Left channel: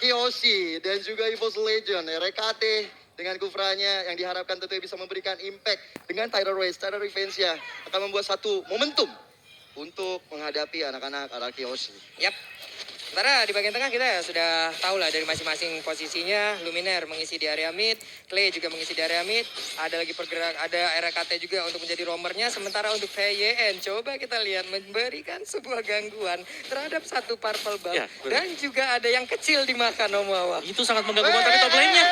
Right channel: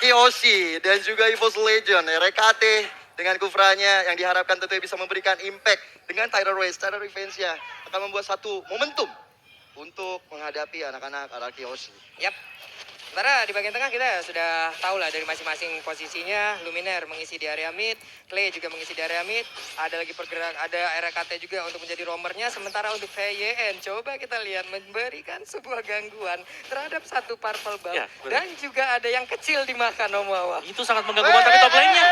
RRQ Oshi dan juga EVOS Legend, RKT dengan Kufranya yang diharapkan tentunya bisa memberikan impact dengan Tidal Race, Tidal Revenge-nya akan membuat satu momentum untuk menghadapi anak-anak RRQ Oshi. Yap. Sementara di bagian tengah kita sudah tahu lah dari masing-masing posisinya. Luminaire mengisi di area mid, Clay juga mengisi di area mid. Ada lagi pergerak, ada RKT juga untuk menjadi roamernya. Sementara untuk VYN, coba kita lihat memberikan sebuah gangguan terhadap satu purple buff. Ya, dan juga ada yang kecil dimakan Omawa. Itu sangat mengganggu banget tapi top lane-nya.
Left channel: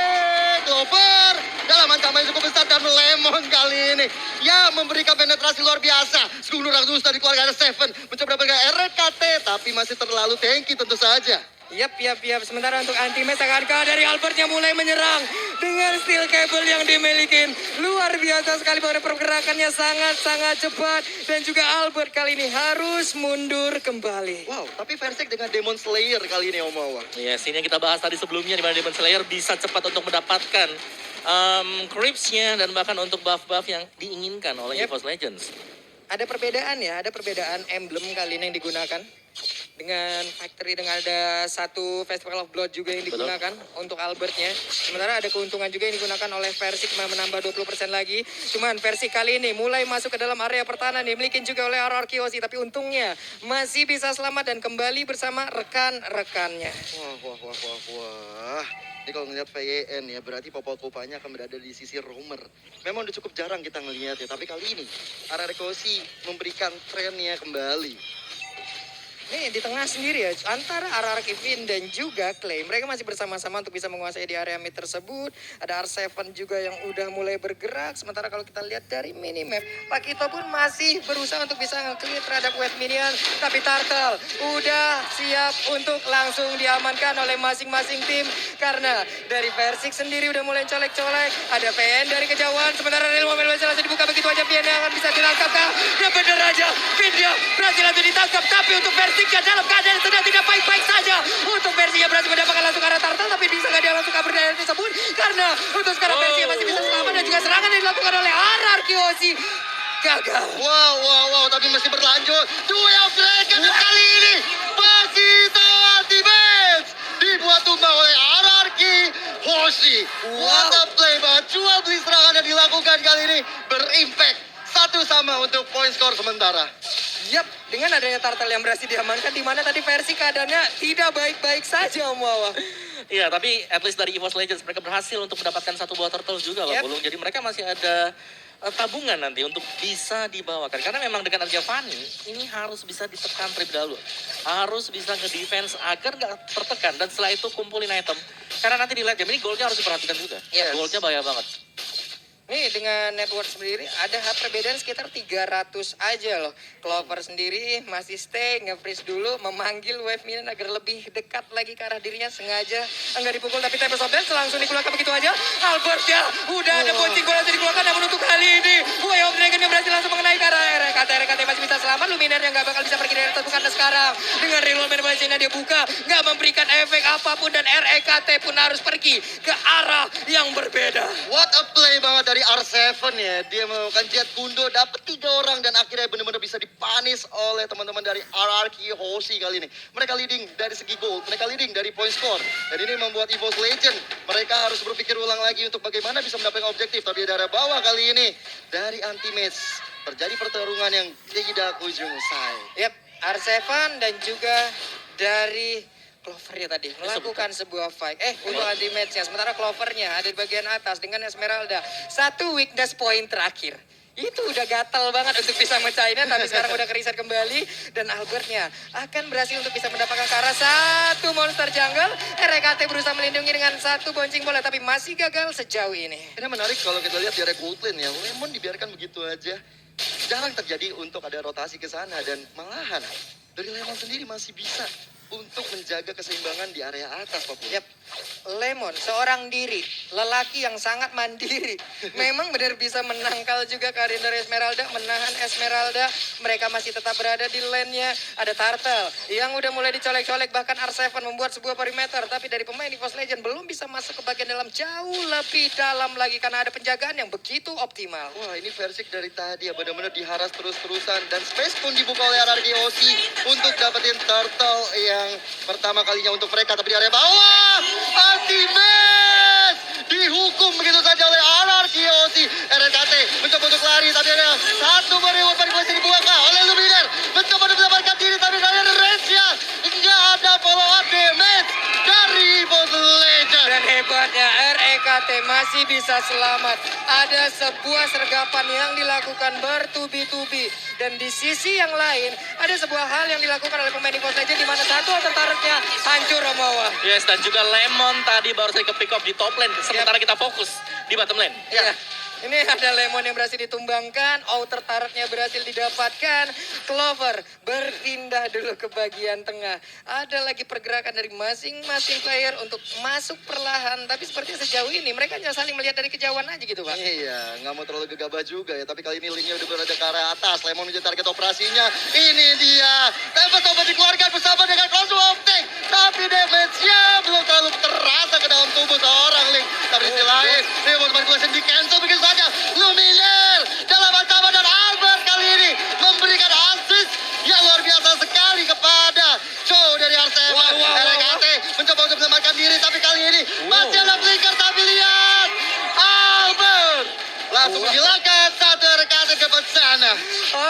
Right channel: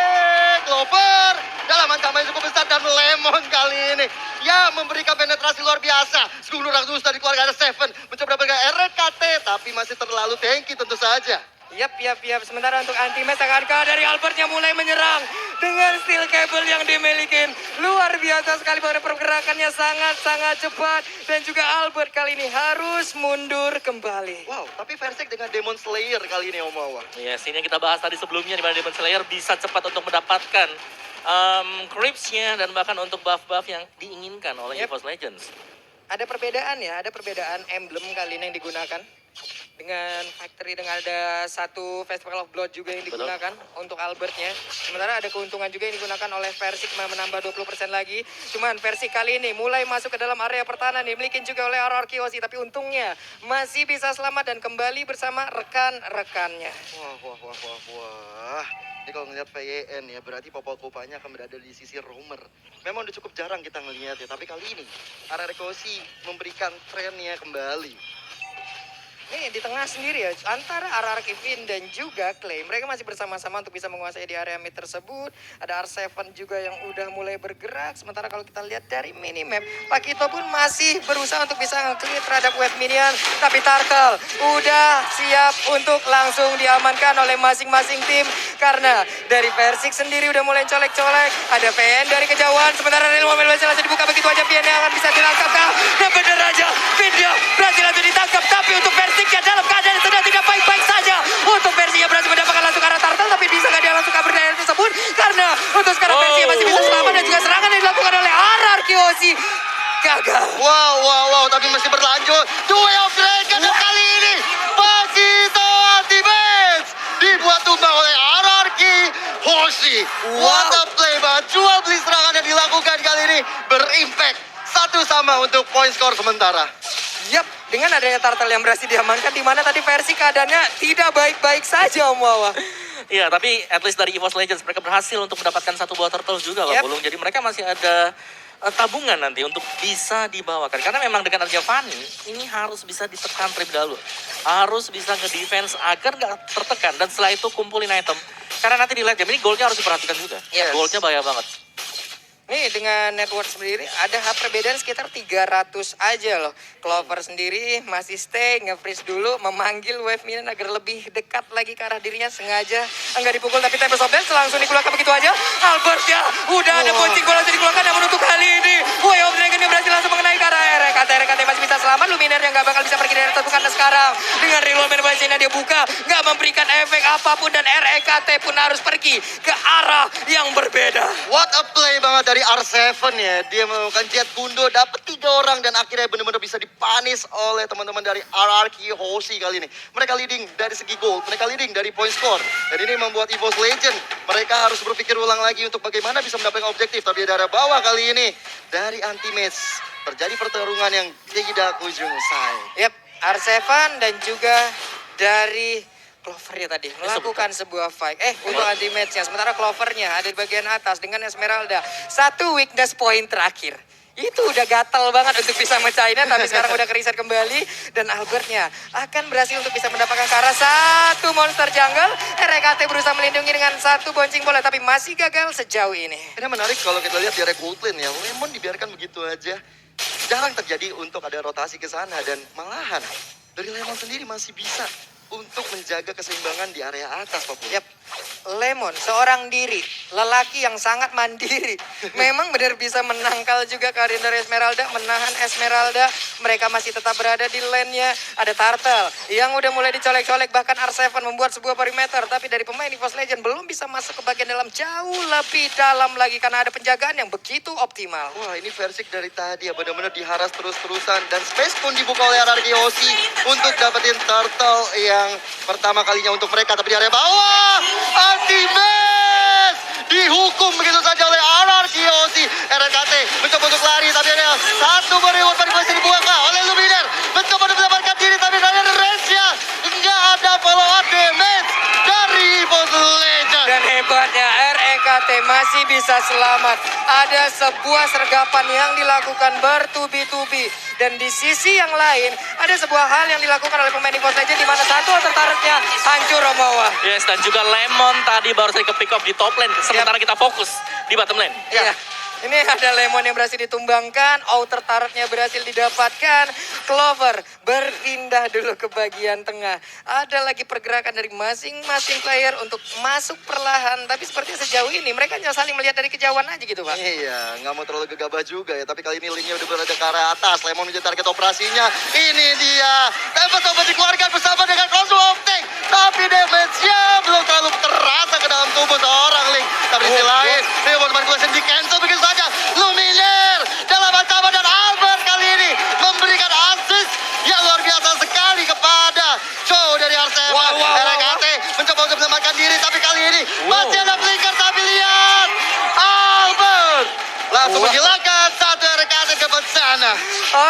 Clover dalam ancaman yang cukup besar dan Lemon kali ini ya memberikan penetrasi luar biasa. Segunung Ratus dari keluarga Seven mencoba mendapatkan RKT tapi masih terlalu tanky tentu saja. Yap. Sementara untuk anti-match Akarka dari Albertnya mulai menyerang dengan steel cable yang dimiliki. Luar biasa sekali bahwa pergerakannya sangat-sangat cepat. Dan juga Albert kali ini harus mundur kembali. Wow, tapi Versik dengan Demon Slayer kali ini Omawa. Yes, ini yang kita bahas tadi sebelumnya di mana Demon Slayer bisa cepat untuk mendapatkan creeps-nya dan bahkan untuk buff-buff yang diinginkan oleh EVOS Legends. Ada perbedaan ya, ada perbedaan emblem kali ini yang digunakan. Dengan factory, dengan ada satu Festival of Blood juga yang digunakan untuk Albertnya. Sementara ada keuntungan juga yang digunakan oleh Versik menambah 20% lagi. Cuman Versik kali ini mulai masuk ke dalam area pertahanan dimiliki juga oleh RRQ Oshi. Tapi untungnya masih bisa selamat dan kembali bersama rekan-rekannya. Wah. Ini kalau ngeliat VYN ya berarti Popokopanya akan berada di sisi roamer. Memang udah cukup jarang kita ngelihat ya, tapi kali ini RRQ Oshi memberikan trennya kembali. Nih di tengah sendiri ya, antara RRQ Vin dan juga Clay. Mereka masih bersama-sama untuk bisa menguasai di area mid tersebut. Ada R7 juga yang udah mulai bergerak. Sementara kalau kita lihat dari minimap, Pakito pun masih berusaha untuk bisa nge-clear terhadap wave minion. Tapi Turtle udah siap untuk langsung diamankan oleh masing-masing tim. Karena dari Versik sendiri udah mulai colek-colek. Ada PN dari kejauhan. Sementara dari momen langsung dibuka begitu aja. PN yang akan bisa ditangkap kah? Dan bener aja, Vin dia berhasil langsung ditangkap. Tapi untuk Versiknya dalam keadaan yang sedang tidak baik-baik saja. Untuk Versiknya berhasil mendapatkan langsung arah Turtle. Tapi bisa nggak dia langsung kabur dari area tersebut? Karena untuk sekarang Versiknya masih bisa selamat. Dan juga serangan yang dilakukan oleh RRQ Oshi gagal. Wow, tapi masih berlanjut. Duel of Dragon dan kali ini Pakito Ultimate dibuat tumbang oleh RRQ Oshi. What a play banget. Jual beli serangan yang dilakukan kali ini berimpact. 1-1 untuk point score sementara. Yap, dengan adanya Turtle yang berhasil diamankan, di mana tadi versi keadaannya tidak baik-baik saja Om Wawa. Iya, tapi at least dari EVOS Legends mereka berhasil untuk mendapatkan satu buah turtle juga loh, Bulung. Jadi mereka masih ada tabungan nanti untuk bisa dibawakan. Karena memang dengan adanya Fanny, ini harus bisa ditekan terlebih dahulu. Harus bisa nge-defense agar nggak tertekan. Dan setelah itu kumpulin item. Karena nanti di late game ini goldnya harus diperhatikan juga. Yes. Goldnya bahaya banget. Nih dengan network sendiri ada perbedaan sekitar 300 aja loh. Clover sendiri masih stay, nge-freeze dulu, memanggil wave minion agar lebih dekat lagi ke arah dirinya. Sengaja enggak dipukul tapi Tempest of Dance langsung dikeluarkan begitu aja. Albert ya, udah ada boncing bola langsung dikeluarkan namun untuk kali ini Way of Dragon yang berhasil langsung mengenai ke arah RKT masih bisa selamat. Luminaire yang gak bakal bisa pergi dari terbukanya sekarang. Dengan rerollman Bajina dia buka, gak memberikan efek apapun dan RKT pun harus pergi ke arah yang berbeda. What a play banget dari R7 ya. Dia melakukan jet kundo, dapat 3 orang dan akhirnya benar-benar bisa dipanis oleh teman-teman dari RRQ Oshi kali ini. Mereka leading dari segi gold, mereka leading dari point score. Dan ini membuat EVOS Legend mereka harus berpikir ulang lagi untuk bagaimana bisa mendapatkan objektif. Tapi dari bawah kali ini dari anti-match terjadi pertarungan yang tidak ujung usai. Yap, R7 dan juga dari Clover ya tadi melakukan sebuah fight. Untuk anti match-nya. Sementara Clovernya ada di bagian atas dengan Esmeralda. Satu weakness point terakhir. Itu udah gatel banget untuk bisa mecahinnya, tapi sekarang udah kereset kembali. Dan Albertnya akan berhasil untuk bisa mendapatkan ke arah satu monster jungle. RKT berusaha melindungi dengan satu boncing bola, tapi masih gagal sejauh ini. Ini menarik kalau kita lihat di area gold lane ya. Lemon dibiarkan begitu aja. Jarang terjadi untuk ada rotasi ke sana. Dan malahan dari Lemon sendiri masih bisa untuk menjaga keseimbangan di area atas, Pak. Yap, Lemon, seorang diri, lelaki yang sangat mandiri. Memang benar bisa menangkal juga kehadiran dari Esmeralda, menahan Esmeralda. Mereka masih tetap berada di lane-nya. Ada Turtle yang udah mulai dicolek-colek, bahkan R7 membuat sebuah perimeter. Tapi dari pemain EVOS Legend belum bisa masuk ke bagian dalam jauh lebih dalam lagi karena ada penjagaan yang begitu optimal. Wah, ini Versik dari tadi ya benar-benar diharas terus-terusan. Dan space pun dibuka oleh RRQ Oshi untuk dapetin Turtle ya. yang pertama kalinya untuk mereka. Tapi di area bawah, Antimes dihukum begitu saja oleh RRQ Hoshi. RRKT mencoba untuk lari, tapi ada satu reward manipulasi dibuang oleh Luminer. Mencoba untuk mendapatkan diri, tapi dari Resya nggak ada follow up damage dari Evos Legend. Dan hebatnya REKT masih bisa selamat. Ada sebuah sergapan yang dilakukan bertubi-tubi. Dan di sisi yang lain, ada sebuah hal yang dilakukan oleh pemain EVOS Legends di mana satu tertariknya hancur Romawa. Yes, dan juga Lemon tadi baru saja ke pick up di top lane. Sementara kita fokus di bottom lane. Iya. Ini ada Lemon yang berhasil ditumbangkan, outer turretnya berhasil didapatkan, Clover berpindah dulu ke bagian tengah. Ada lagi pergerakan dari masing-masing player untuk masuk perlahan, tapi sepertinya sejauh ini mereka hanya saling melihat dari kejauhan aja gitu Pak. Iya, nggak mau terlalu gegabah juga ya. Tapi kali ini linknya udah berada ke arah atas. Lemon menjadi target operasinya. Ini dia. Tempest coba dikeluarkan bersama dengan Crossbow Optic. Tapi damage-nya belum terlalu terasa ke dalam tubuh seorang Link. Tapi di sisi lain, Reward Manipulation di cancel begitu saja. Lumiere dalam ancaman dan Albert kali ini memberikan assist yang luar biasa sekali kepada Joe dari Arsenal. RKT mencoba untuk menyelamatkan diri, tapi kali ini masih ada Flicker. Tapi lihat, Albert langsung menghilangkan satu RKT ke sana.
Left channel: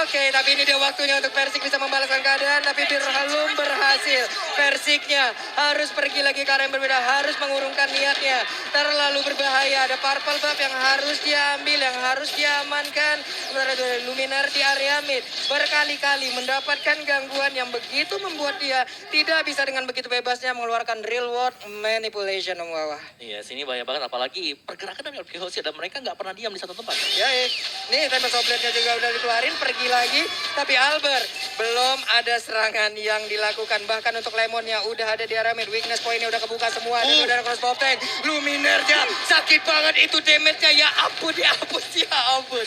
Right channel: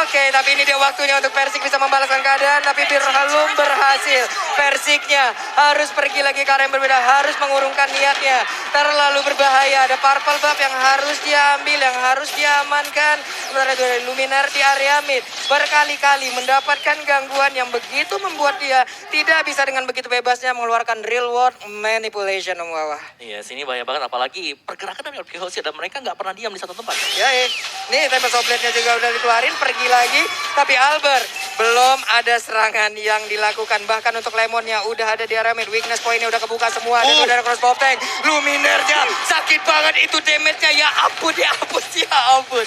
Oke, tapi ini dia waktunya untuk Persik bisa membalaskan keadaan, tapi belum berhasil. Persiknya harus pergi lagi ke arah yang berbeda, harus mengurungkan niatnya. Terlalu berbahaya, ada purple buff yang harus diambil, yang harus diamankan. Sementara dari Luminar di area mid berkali-kali mendapatkan gangguan yang begitu membuat dia tidak bisa dengan begitu bebasnya mengeluarkan real world manipulation Om Wawa. Iya, sini bahaya banget. Apalagi pergerakan dari RRQ Hoshi dan mereka nggak pernah diam di satu tempat. Ya, nih Tempest Blade-nya juga udah dikeluarin, pergi lagi. Tapi Albert belum ada serangan yang dilakukan. Bahkan untuk Lemonnya udah ada di area mid. Weakness point-nya udah kebuka semua. Dan udah ada crossbow tank. Luminernya sakit banget itu damage-nya. Ya ampun, ya ampun, ya ampun.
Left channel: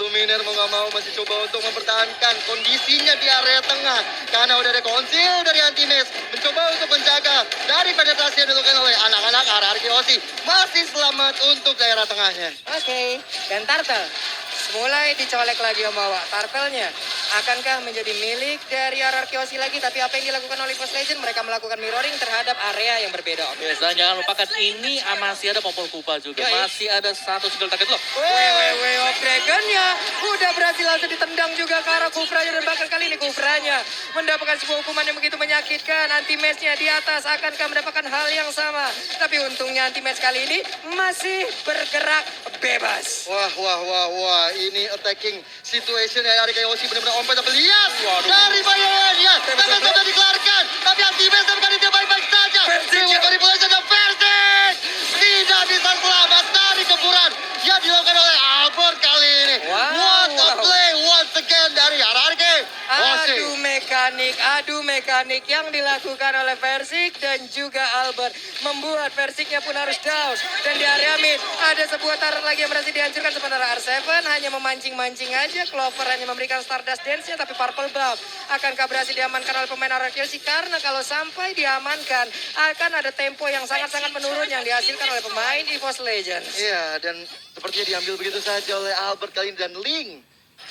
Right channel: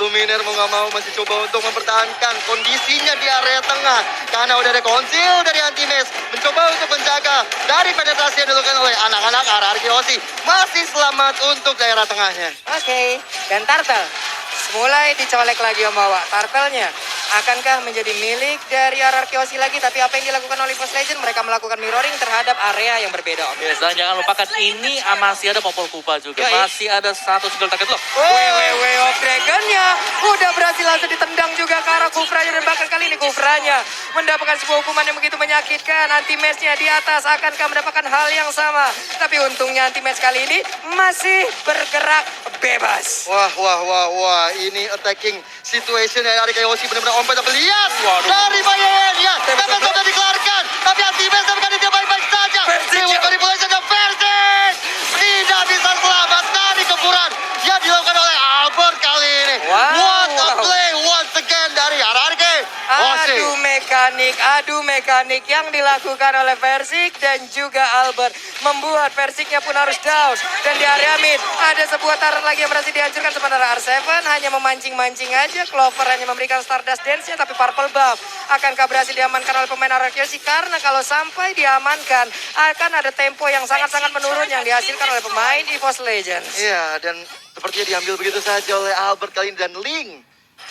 Luminer mau nggak mau masih coba untuk mempertahankan kondisinya di area tengah. Karena udah ada konsil dari Antimes. Mencoba untuk menjaga dari penetrasi yang dilakukan oleh anak-anak RRQ Hoshi. Masih selamat untuk daerah tengahnya. Oke, dan Turtle mulai dicolek lagi Om Wawa. Turtle-nya akankah menjadi milik dari RRQ Hoshi lagi? Tapi apa yang dilakukan oleh EVOS Legends? Mereka melakukan mirroring terhadap area yang berbeda Om. Yes, dan jangan lupakan ini masih ada Popol Kupa juga. Yoi. Masih ada satu single target loh. Way of Dragon-nya udah berhasil langsung ditendang juga ke arah Kufranya. Dan bahkan kali ini Kufranya mendapatkan sebuah hukuman yang begitu menyakitkan. Anti-match-nya di atas akankah mendapatkan hal yang sama? Tapi untungnya anti-match kali ini masih bergerak bebas. Wah, ini attacking situation dari RRQ Hoshi benar-benar ompet. Tapi lihat Waduh. dari Bayern-nya. Tempest sudah dikeluarkan. Tapi Antimes dapat dia baik-baik saja. Reward Manipulation dan Persik tidak bisa selamat dari gempuran yang dilakukan oleh Albert kali ini. Wow. What a play once again dari RRQ Hoshi. Adu mekanik yang dilakukan oleh Persik dan juga Albert membuat Persiknya pun harus down. Dan di area mid ada sebuah turret lagi yang berhasil dihancurkan, sementara R7 hanya memancing-mancing aja. Clover hanya memberikan Stardust Dance-nya, tapi Purple Buff akankah berhasil diamankan oleh pemain RRQ Hoshi? Karena kalau sampai diamankan akan ada tempo yang sangat-sangat menurun yang dihasilkan oleh pemain EVOS Legends. Iya, dan sepertinya diambil begitu saja oleh Albert kali ini. Dan Link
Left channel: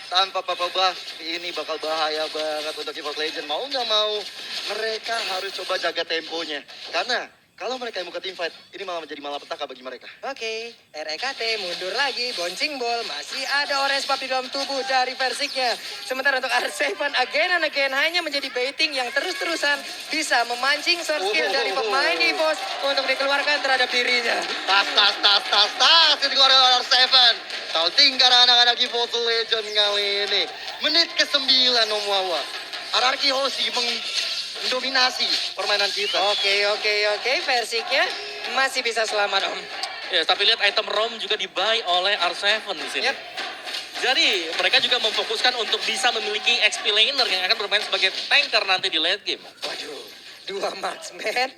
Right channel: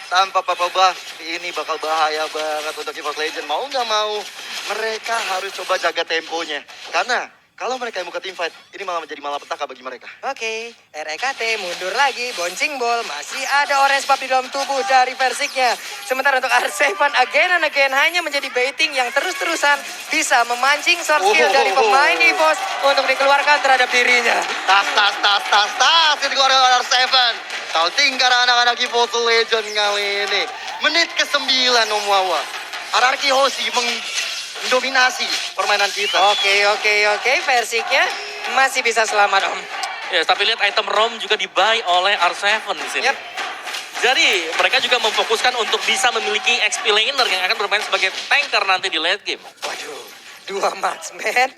tanpa Purple Buff ini bakal bahaya banget untuk EVOS Legends. Mau nggak mau mereka harus coba jaga temponya. Karena kalau mereka yang buka team fight, ini malah menjadi malapetaka bagi mereka. Oke, REKT mundur lagi, bouncing ball, masih ada orange buff di dalam tubuh dari Persiknya. Sementara untuk R7 again and again hanya menjadi baiting yang terus-terusan bisa memancing short skill dari pemain EVOS untuk dikeluarkan terhadap dirinya. Tas, itu keluar oleh R7. Taunting karena anak-anak EVOS Legend kali ini. Menit ke-9 Om Wawa. RRQ Hoshi mendominasi permainan kita. Oke, Persiknya masih bisa selamat Om. Yes, tapi lihat item ROM juga di-buy oleh R7 di sini. Yep. Jadi mereka juga memfokuskan untuk bisa memiliki XP laner yang akan bermain sebagai tanker nanti di late game. Waduh, 2 marksman.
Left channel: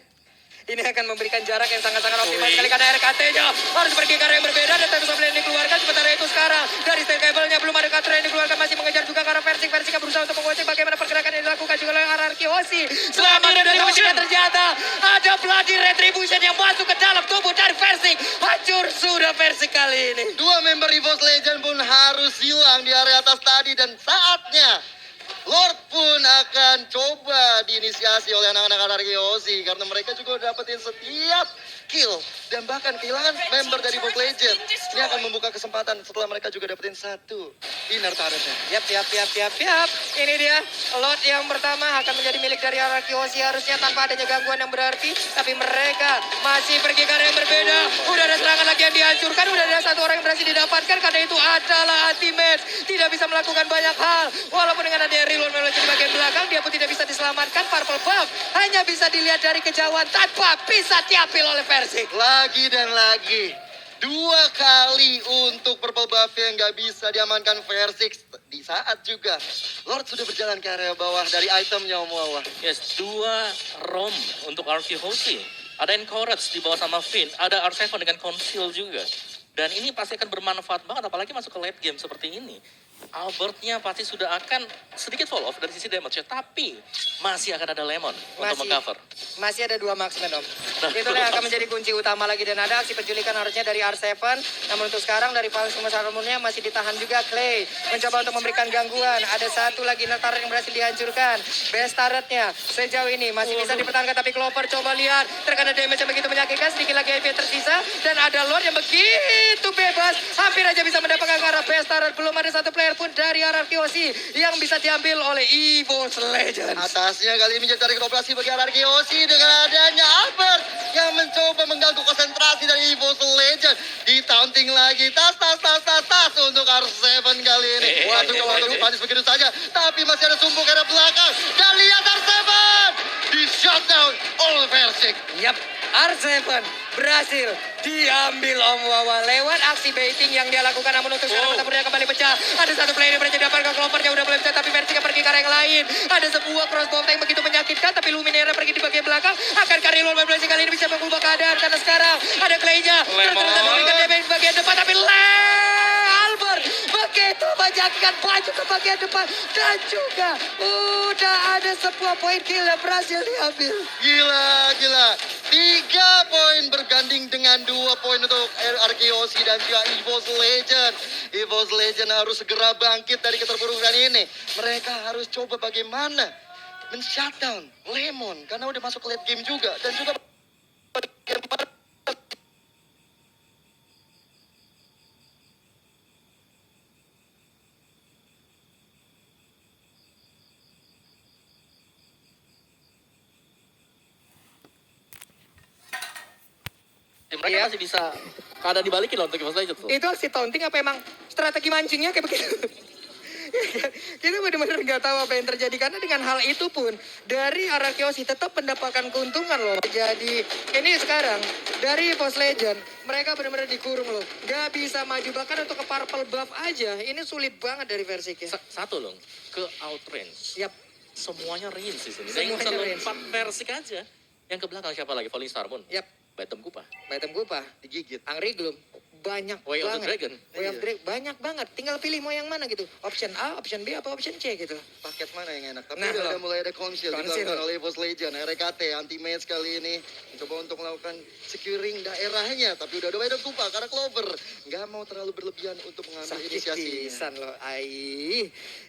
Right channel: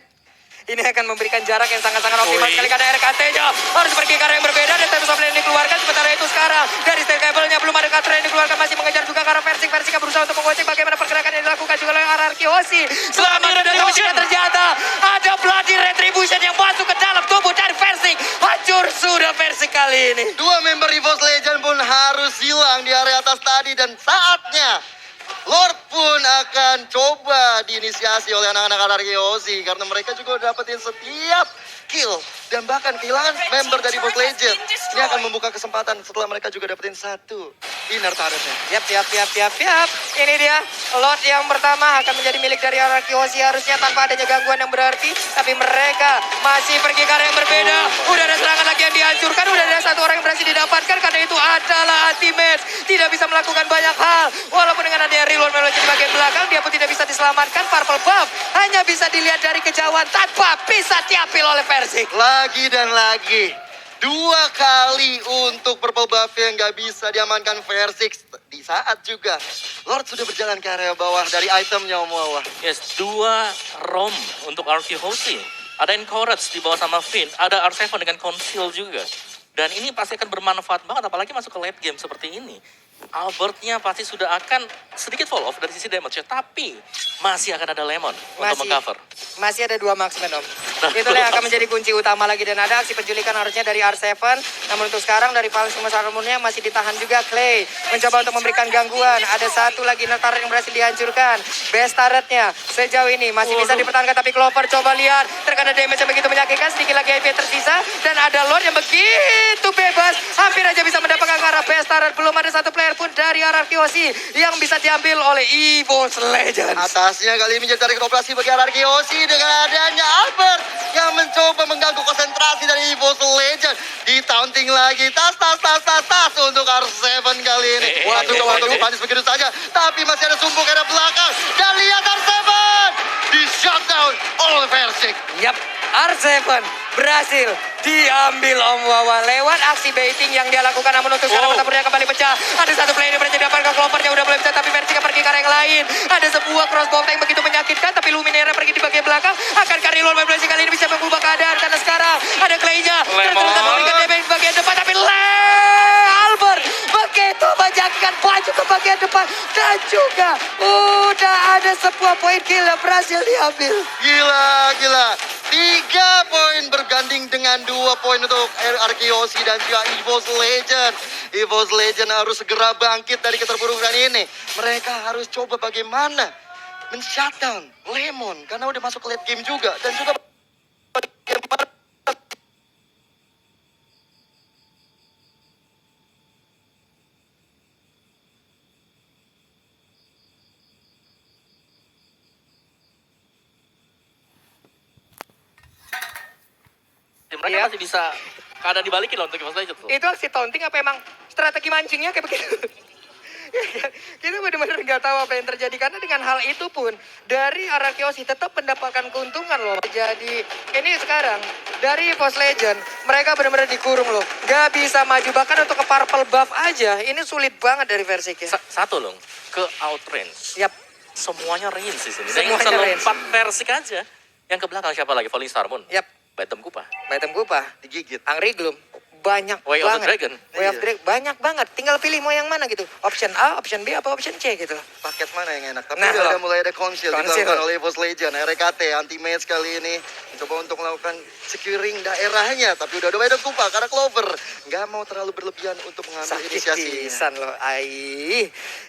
Ini akan memberikan jarak yang sangat-sangat optimal Oi. sekali karena RKT-nya harus pergi ke arah yang berbeda dan Tempest Blade yang dikeluarkan. Sementara itu sekarang dari steel cable-nya belum ada cutter yang dikeluarkan, masih mengejar juga ke arah Persik. Persiknya berusaha untuk mengocek bagaimana pergerakan yang dilakukan juga oleh RRQ Hoshi. Selamat dari Hoshi ternyata ada Bloody Retribution yang masuk ke dalam tubuh dari Persik. Hancur sudah Persik kali ini. 2 member EVOS Legend pun harus hilang di area atas tadi. Dan saatnya Lord pun akan coba diinisiasi oleh anak-anak RRQ Aussie karena mereka juga udah dapetin setiap kill dan bahkan kehilangan member dari Boss Legend. Ini akan membuka kesempatan setelah mereka juga dapetin satu inner turretnya. Yap. Ini dia Lord yang pertama akan menjadi milik dari RRQ Aussie harusnya tanpa adanya gangguan yang berarti. Tapi mereka masih pergi ke arah yang berbeda. Udah ada serangan lagi yang dihancurkan. Udah ada satu orang yang berhasil didapatkan. Karena itu adalah anti-match. Tidak bisa melakukan banyak hal. Walaupun dengan adanya reload melodi di bagian belakang, dia pun tidak bisa diselamatkan. Purple buff hanya bisa dilihat dari kejauhan tanpa bisa diambil oleh Persik. Lagi dan lagi. 2 kali untuk purple buff yang nggak bisa diamankan Versix. Di saat juga Lord sudah berjalan ke area bawah dari itemnya Om Wawa. Yes, 2 ROM untuk RRQ Aussie. Ada Encourage di bawah sama Finn, ada R7 dengan Conceal juga. Dan ini pasti akan bermanfaat banget, apalagi masuk ke late game seperti ini. Albertnya pasti sudah akan sedikit fall off dari sisi damage, tapi masih akan ada Lemon untuk mengcover. Masih ada 2 marksman, Om. Itulah yang akan menjadi kunci utama lagi. Dan ada aksi penculikan harusnya dari R7. Namun untuk sekarang dari Paling Armornya masih ditahan juga Clay. Mencoba untuk memberikan gangguan. Ada satu lagi turret yang berhasil dihancurkan. Best turretnya sejauh ini masih bisa dipertahankan. Tapi Clover coba lihat. Terkena damage yang begitu menyakitkan. Sedikit lagi IP tersisa. Dan ada Lord yang begitu bebas. Hampir aja bisa mendapatkan ke arah best turret. Belum ada satu player pun dari RRQ Aussie yang bisa diambil oleh EVOS Legends. Atasnya kali ini menjadi tarik operasi bagi RRQ Aussie dengan adanya Albert yang mencoba mengganggu konsentrasi dari EVOS Legends. Di-taunting lagi, tas untuk R7 kali ini. Waduh, untuk dipanis begitu saja. Tapi masih ada sumbu ke arah belakang. Dan lihat R7 di shutdown oleh Versik. Yap, R7 berhasil diambil Om Wawa lewat aksi baiting yang dia lakukan. Namun untuk sekarang pertempurannya kembali pecah. Ada satu player yang berhasil dapatkan Clovernya udah mulai pecah, tapi Versik pergi ke arah yang lain. Ada sebuah crossbow yang begitu menyakitkan, tapi Luminera pergi di bagian belakang. Akankah reload Versik kali ini bisa mengubah keadaan? Karena sekarang ada Clay-nya terus memberikan damage di bagian depan, tapi Albert begitu menjadikan baju ke bagian depan. Dan juga udah ada sebuah poin kill yang berhasil diambil. Gila. 3 poin berganding dengan 2 poin untuk RRQ Aussie dan juga EVOS Legend. EVOS Legend harus segera bangkit dari keterpurukan ini. Mereka harus coba bagaimana men-shutdown Lemon karena udah masuk ke late game juga. Dan juga Mereka masih bisa keadaan dibalikin loh untuk EVOS Legends tuh. Itu aksi taunting apa emang strategi mancingnya kayak begitu? Kita benar-benar nggak tahu apa yang terjadi karena dengan hal itu pun dari RRQ Aussie tetap mendapatkan keuntungan loh. Jadi ini sekarang dari EVOS Legend mereka benar-benar dikurung loh. Nggak bisa maju bahkan untuk ke purple buff aja. Ini sulit banget dari versi ya. Satu loh, ke outrange. Yap. Semuanya range sih sini. Semuanya range. Lompat Versik aja. Yang ke belakang siapa lagi? Falling Star Moon. Yap. Bottom Kupa. Bottom Kupa. digigit. Angry Gloom. Banyak Way of the banget. Dragon. Way of Dragon. Banyak banget. Tinggal pilih mau yang mana gitu. Option A, option B, apa option C gitu. Paket mana yang enak? Tapi Nah, udah loh. mulai ada konsil Konsil. dilakukan oleh EVOS Legend. RKT anti-match kali ini mencoba untuk melakukan securing daerahnya. Tapi udah ada Wedok Kupa karena Clover nggak mau terlalu berlebihan untuk mengambil Sakit inisiasi. pisan loh.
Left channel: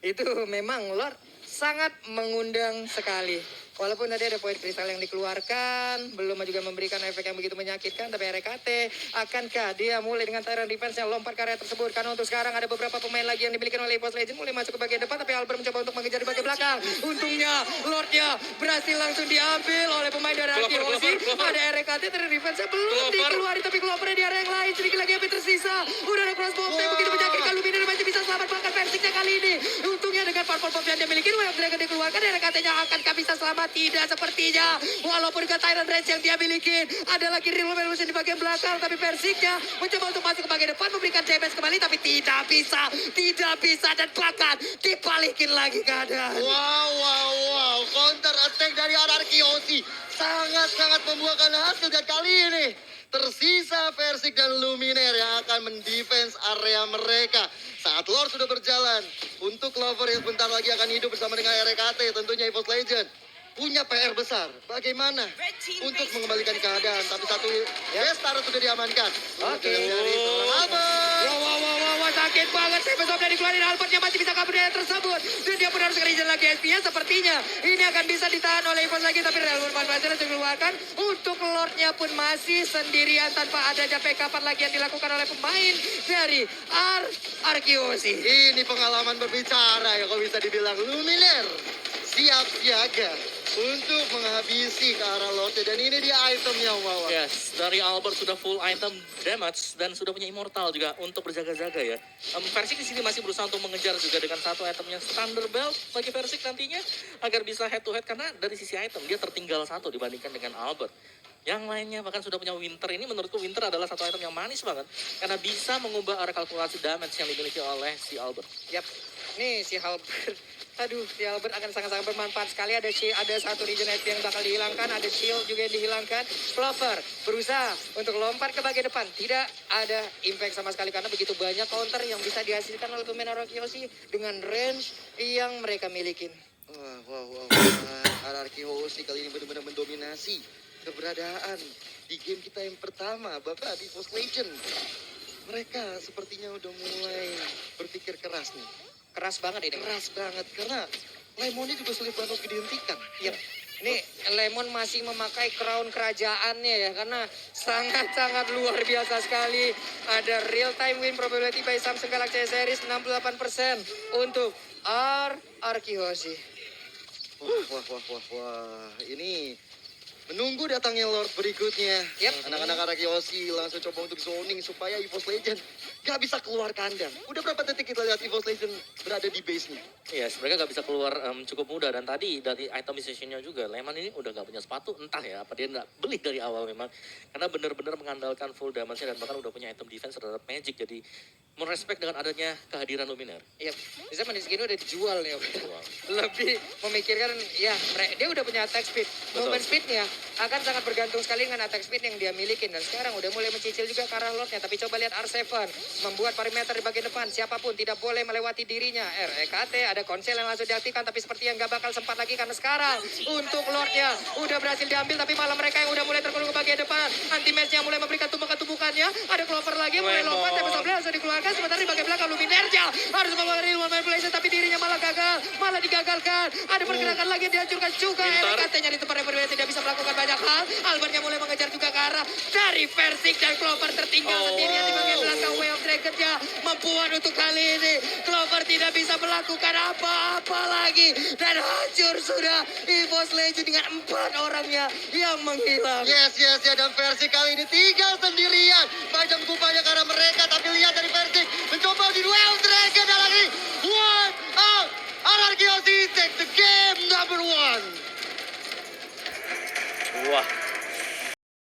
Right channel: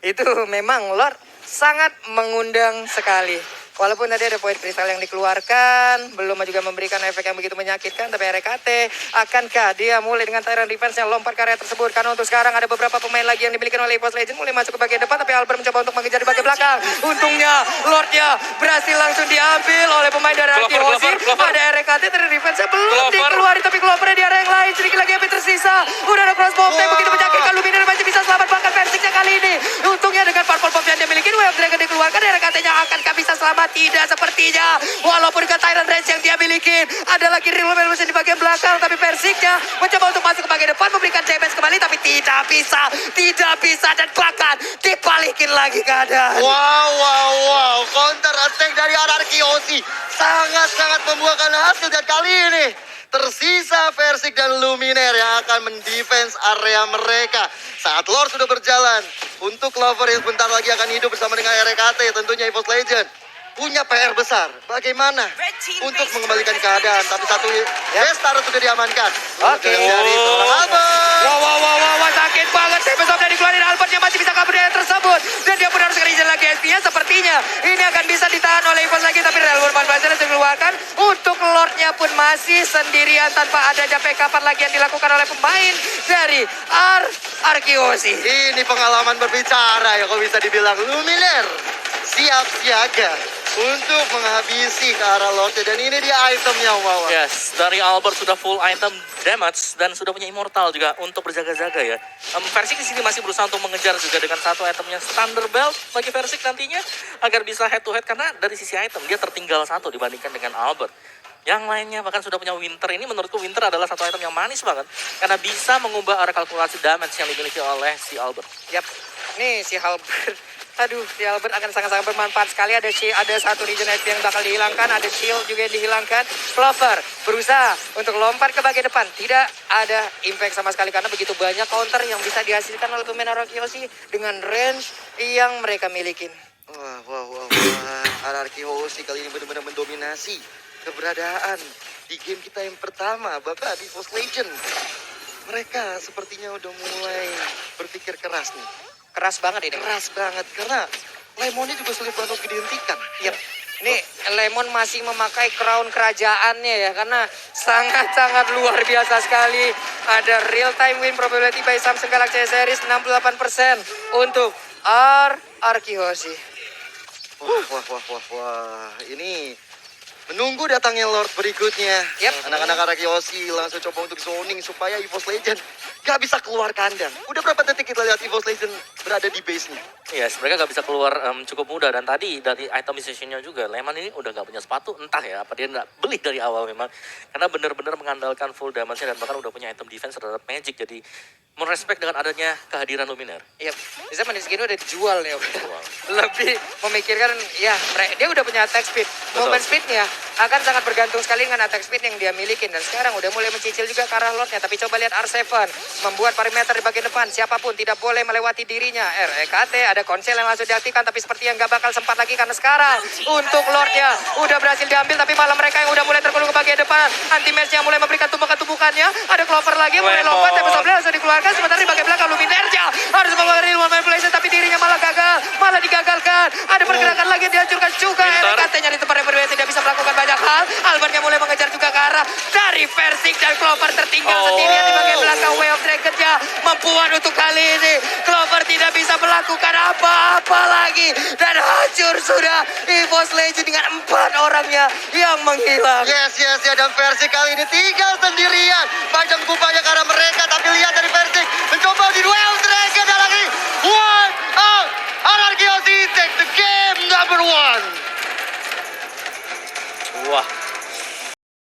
Itu memang Lord sangat mengundang sekali. Walaupun tadi ada poin kristal yang dikeluarkan, belum juga memberikan efek yang begitu menyakitkan, tapi RKT akankah dia mulai dengan Tyrant defense-nya lompat ke area tersebut? Karena untuk sekarang ada beberapa pemain lagi yang dimiliki oleh EVOS Legend mulai masuk ke bagian depan, tapi Albert mencoba untuk mengejar di bagian belakang. Untungnya Lordnya berhasil langsung diambil oleh pemain dari RRQ Aussie. Ada RKT Tyrant defense-nya belum dikeluarin, tapi Clover di area yang lain. Sedikit lagi api tersisa. Udah ada crossbow yang begitu menyakitkan. Luminera masih bisa selamat bahkan Versiknya kali ini. Untungnya dengan purple bomb yang dia miliki, Way of Dragon dikeluarkan, RKT-nya akankah bisa selamat? Tidak sepertinya. Walaupun dengan Tyrant range yang dia miliki, ada lagi reload di bagian belakang, tapi Versiknya mencoba untuk masuk ke bagian depan, memberikan damage kembali, tapi tidak bisa, dan bahkan dibalikin lagi keadaan. Wow. Counter attack dari RRQ Aussie sangat-sangat membuahkan hasil dan kali ini tersisa Versik dan Luminer yang akan mendefense area mereka. Saat Lord sudah berjalan, untuk Clover yang sebentar lagi akan hidup bersama dengan RKT, tentunya EVOS Legend punya PR besar. Bagaimana untuk mengembalikan keadaan? Tapi satu best turret sudah diamankan. Oke. Dari seorang Albert. Wow, sakit banget Tempest of Blade dikeluarin, Albertnya masih bisa kabur dari tersebut. Dan dia pun harus kerja lagi SP-nya. Sepertinya ini akan bisa ditahan oleh EVOS lagi. Tapi Railway Manipulation dikeluarkan. Untuk Lordnya pun masih sendirian tanpa adanya backupan lagi yang dilakukan oleh pemain dari Arkeosi. Ini pengalaman berbicara ya kalau bisa dibilang. Luminar siap siaga untuk menghabisi ke arah Lordnya. Dan ini dia itemnya, wow. Yes, dari Albert sudah full item damage dan sudah punya immortal juga untuk berjaga-jaga ya. Versik di sini masih berusaha untuk mengejar juga dengan satu itemnya Thunder Belt bagi Versik nantinya agar bisa head to head karena dari sisi item dia tertinggal satu dibandingkan dengan Albert. Yang lainnya bahkan sudah punya Winter. Ini menurutku Winter adalah satu item yang manis banget karena bisa mengubah arah kalkulasi damage yang dimiliki oleh si Albert. Yap, nih si Albert. Aduh, si Albert akan sangat-sangat bermanfaat sekali. Ada satu region HP yang bakal dihilangkan, ada shield juga yang dihilangkan. Clover berusaha untuk lompat ke bagian depan. Tidak ada impact sama sekali karena begitu banyak counter yang bisa dihasilkan oleh pemain Arkeosi dengan range yang mereka miliki. Wah. RRQ Hoshi kali ini benar-benar mendominasi keberadaan di game kita yang pertama, bahkan di Force Legend. Mereka sepertinya udah mulai berpikir keras nih. Keras banget ini. Keras banget, karena Lemonnya juga sulit banget untuk dihentikan. Yap. Ini Lemon masih memakai crown kerajaannya ya, karena sangat-sangat luar biasa sekali. Ada real time win probability by Samsung Galaxy S Series 68% untuk Arkeosi. Wah. Ini menunggu datangnya Lord berikutnya. Yap. Anak-anak Arkeosi langsung coba untuk zoning supaya EVOS Legend gak bisa keluar kandang. Udah berapa detik kita lihat EVOS Legend berada di base-nya? Yes, mereka gak bisa keluar cukup mudah. Dan tadi dari itemization-nya juga, Lehman ini udah gak punya sepatu. Entah ya, apa dia gak beli dari awal memang. Karena benar-benar mengandalkan full damage-nya dan bahkan udah punya item defense terhadap Magic. Jadi merespek dengan adanya kehadiran Luminaire. Yap, bisa manis gini udah dijual ya. Lebih memikirkan, ya dia udah punya attack speed. Movement speed-nya akan sangat bergantung sekali dengan attack speed yang dia miliki. Dan sekarang udah mulai mencicil juga ke arah Lordnya. Tapi coba lihat R7 membuat perimeter di bagian depan. Siapapun tidak boleh melewati dirinya. REKT ada konsel yang langsung diaktifkan. Tapi seperti yang gak bakal sempat lagi karena sekarang untuk Lordnya udah berhasil diambil. Tapi malah mereka yang udah mulai terkulung ke bagian depan. Anti-match yang mulai memberikan tumbukan-tumbukannya. Ada Clover lagi mulai lompat. Tempest of Blade langsung dikeluarkan. Sementara di bagian belakang Luminerja harus mengeluarkan Real Manipulation. Tapi dirinya malah gagal. Malah digagalkan. Ada pergerakan lagi yang dihancurkan juga. REKT-nya di tempat yang berbeda tidak bisa melakukan banyak hal. Albertnya mulai mengejar juga ke arah dari Versik dan Clover tertinggal sendirian di bagian belakang. Way of Dragon-nya membuat untuk kali ini Clover tidak bisa melakukan apa-apa lagi dan hancur sudah EVOS Legend dengan 4 orangnya yang menghilang. Yes, dan Versik kali ini tinggal sendirian. Panjang kupanya ke arah mereka, tapi lihat dari Versik mencoba di duel Dragon dan lagi one out. RRQ take the game number 1. Wah,